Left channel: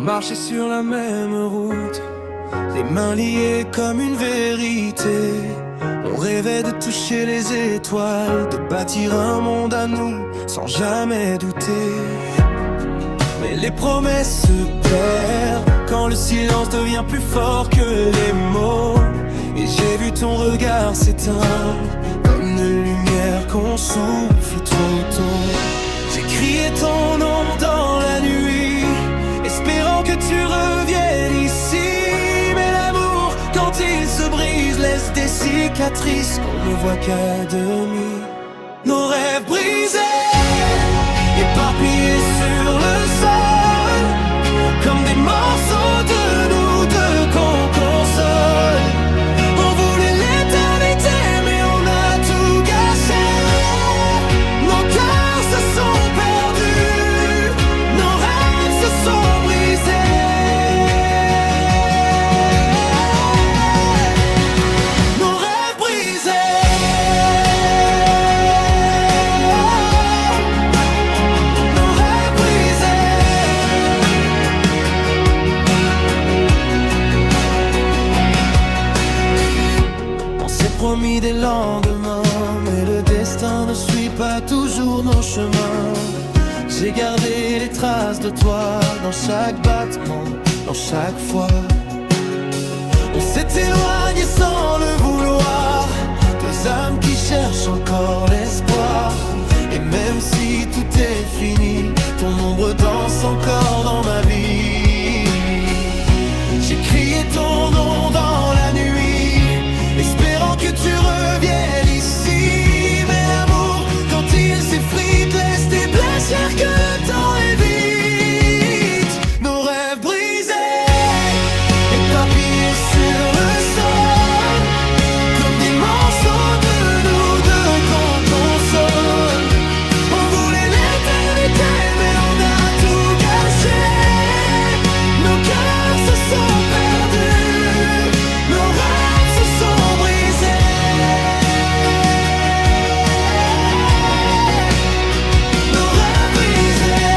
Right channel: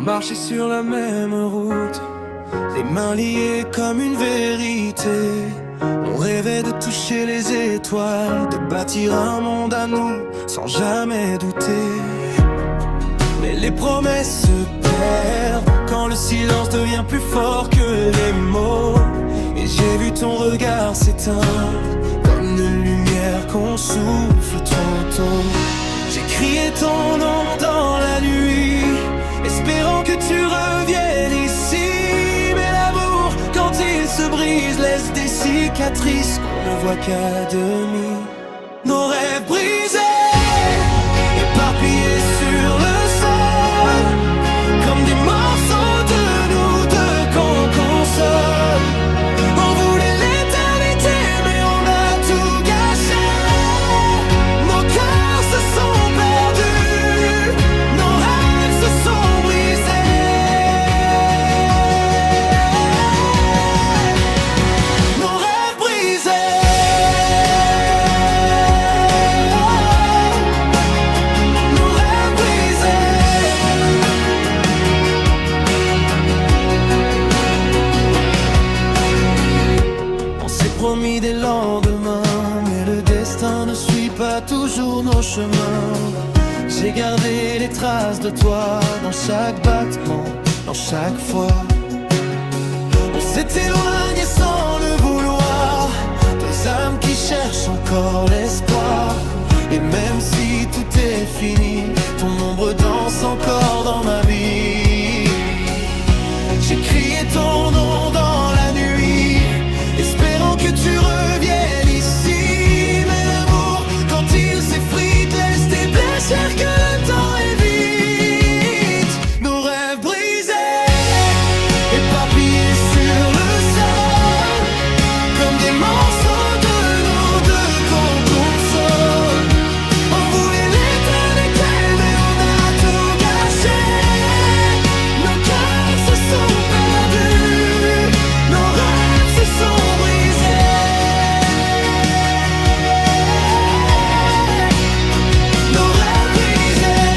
marchait sur la même route, les mains liées comme une vérité. On rêvait de toucher les étoiles, de bâtir un monde à nous sans jamais douter. Mais les promesses se perdent quand le silence devient plus fort que les mots. Et j'ai vu ton regard s'éteindre comme une lumière qu'on souffle trop tôt. J'ai crié ton nom dans la nuit, espérant que tu reviennes ici. Mais l'amour, quand il se brise, laisse des cicatrices qu'on ne voit qu'à demi. Nos rêves brisés, éparpillés sur le sol, comme des morceaux de nous deux qu'on console. On voulait l'éternité, mais on a tout gâché. Nos cœurs se sont perdus, nos rêves se sont brisés. Nos rêves brisés. Nos rêves brisés. On s'est promis des lendemains, mais le destin ne suit pas toujours nos chemins. J'ai gardé les traces de toi dans chaque battement, dans chaque fois. On s'est éloigné sans le vouloir, deux âmes qui cherchent encore l'espoir. Et même si tout est fini, ton ombre danse encore dans ma vie. J'ai crié ton nom dans la nuit, espérant que tu reviennes ici. Mais l'amour, quand il s'effrite, laisse des blessures que le temps évite. Nos rêves brisés, éparpillés sur le sol, comme des morceaux de nous deux qu'on console. On voulait l'éternité, mais on a tout gâché. Nos cœurs se sont perdus, nos rêves se sont brisés. Nos rêves brisés.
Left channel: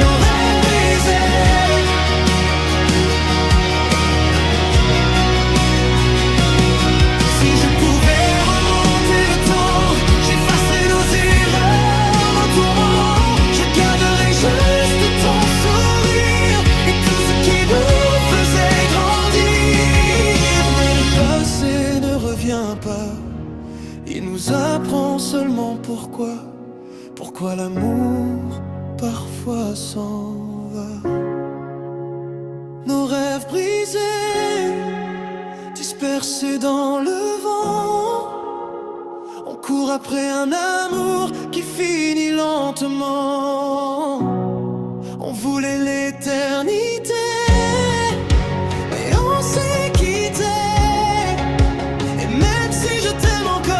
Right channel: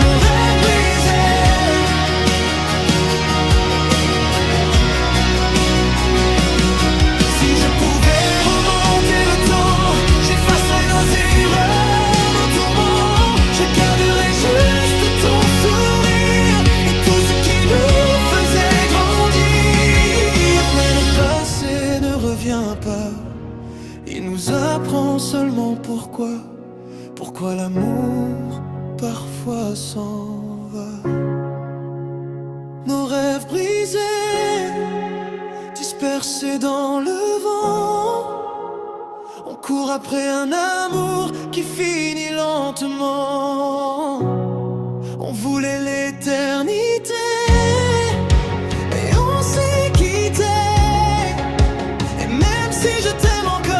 Nos rêves brisés. Si je pouvais remonter le temps, j'effacerais nos erreurs, nos tourments. Je garderais juste ton sourire et tout ce qui nous faisait grandir. Mais le passé ne revient pas, il nous apprend seulement pourquoi l'amour parfois s'en va. Nos rêves brisés, dispersés dans le vent, on court après un amour qui finit lentement. On voulait l'éternité, mais on s'est quitté. Et même si je t'aime encore,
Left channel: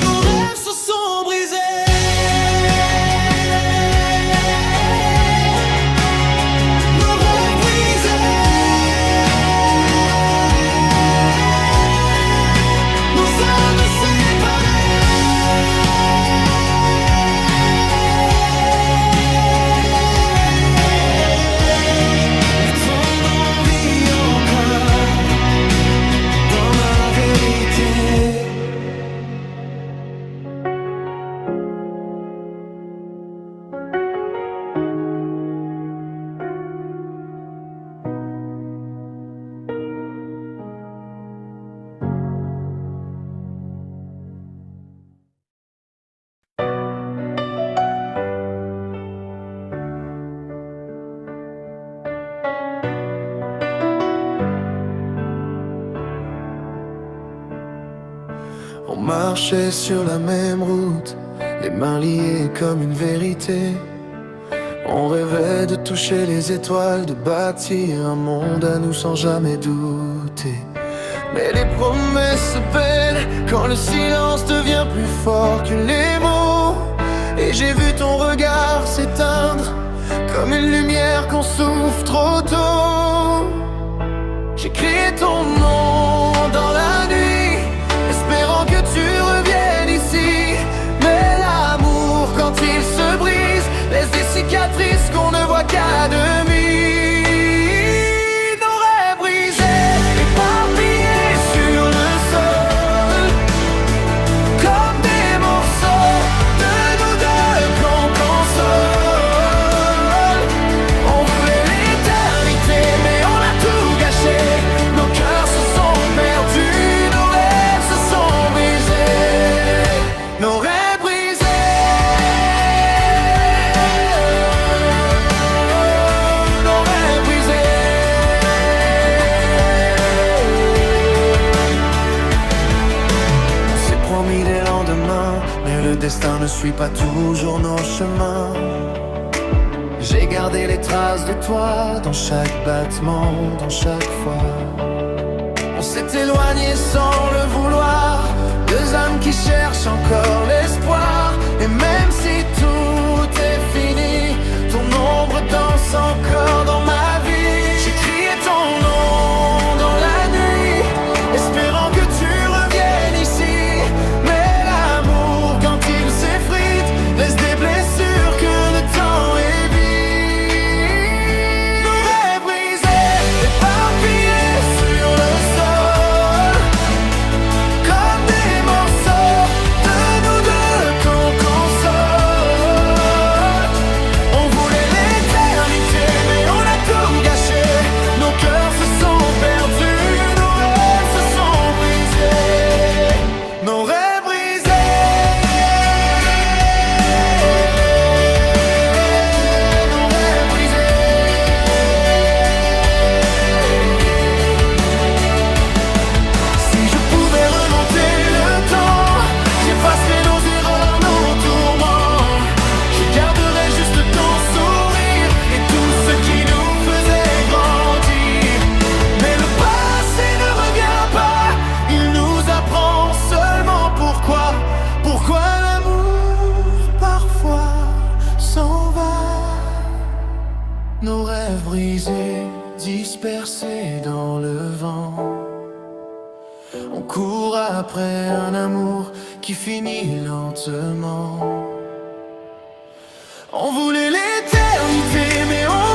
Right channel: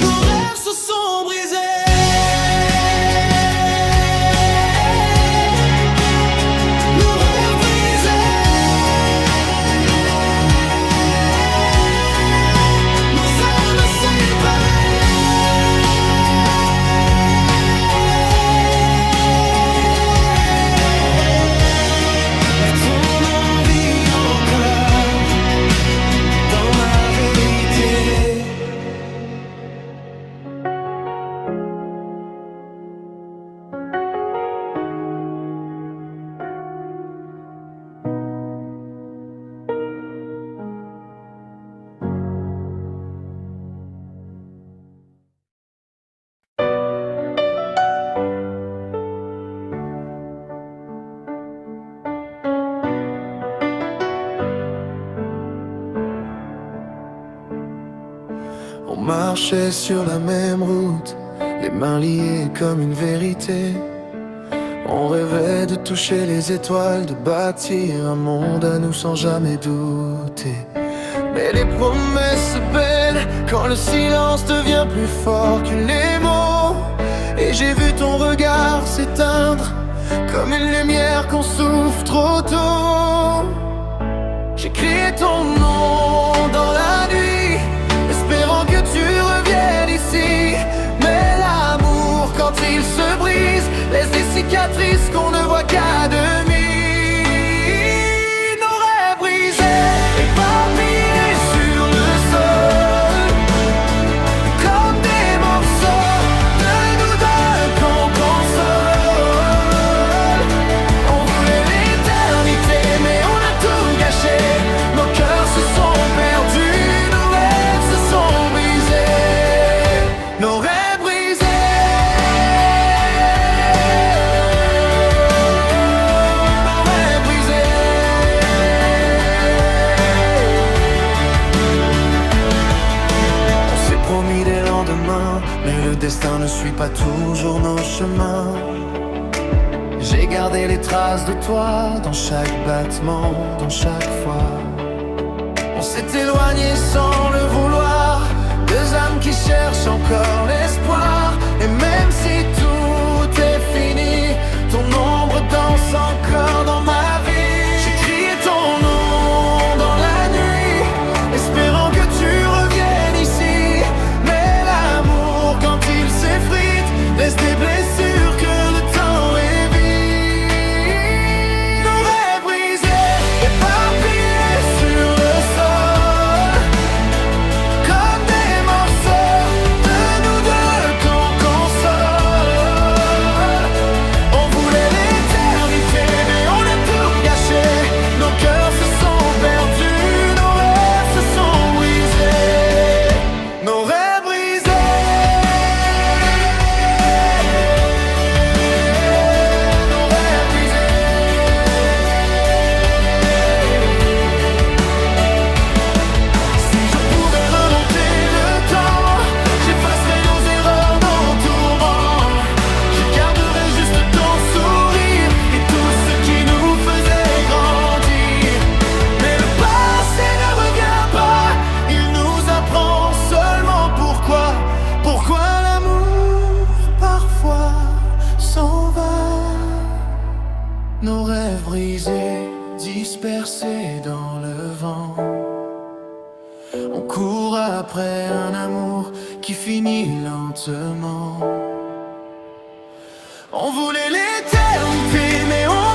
nos rêves se sont brisés. Nos rêves brisés. Nos âmes séparées. Mais ton nom vit encore dans ma vérité. On marchait sur la même route, les mains liées comme une vérité. On rêvait de toucher les étoiles, de bâtir un monde à nous sans jamais douter. Mais les promesses se perdent quand le silence devient plus fort que les mots. Et j'ai vu ton regard s'éteindre comme une lumière qu'on souffle trop tôt. J'ai crié ton nom dans la nuit, espérant que laisse des cicatrices qu'on ne voit qu'à demi. Nos rêves brisés, éparpillés sur le sol, comme des morceaux de nous deux qu'on console. On voulait l'éternité, mais on a tout gâché. Nos cœurs se sont perdus, nos rêves se sont brisés. Nos rêves brisés, nos rêves brisés. On s'est promis des lendemains, mais le destin ne suit pas toujours nos chemins. J'ai gardé les traces de toi dans chaque battement, dans chaque fois. On s'est éloigné sans le vouloir, deux âmes qui cherchent encore l'espoir. Et même si tout est fini, ton ombre danse encore dans ma vie. J'ai crié ton nom dans la nuit, espérant que tu reviennes ici. Mais l'amour, quand il s'effrite, laisse des blessures que le temps évite. Nos rêves brisés, nos rêves brisés. Si je pouvais remonter le temps, j'effacerais nos erreurs, nos tourments. Je garderais juste ton sourire et tout ce qui nous faisait grandir. Mais le passé ne revient pas, il nous apprend seulement pourquoi l'amour parfois s'en va. Nos rêves brisés, dispersés dans le vent. On court après un amour qui finit lentement. On voulait l'éternité, mais on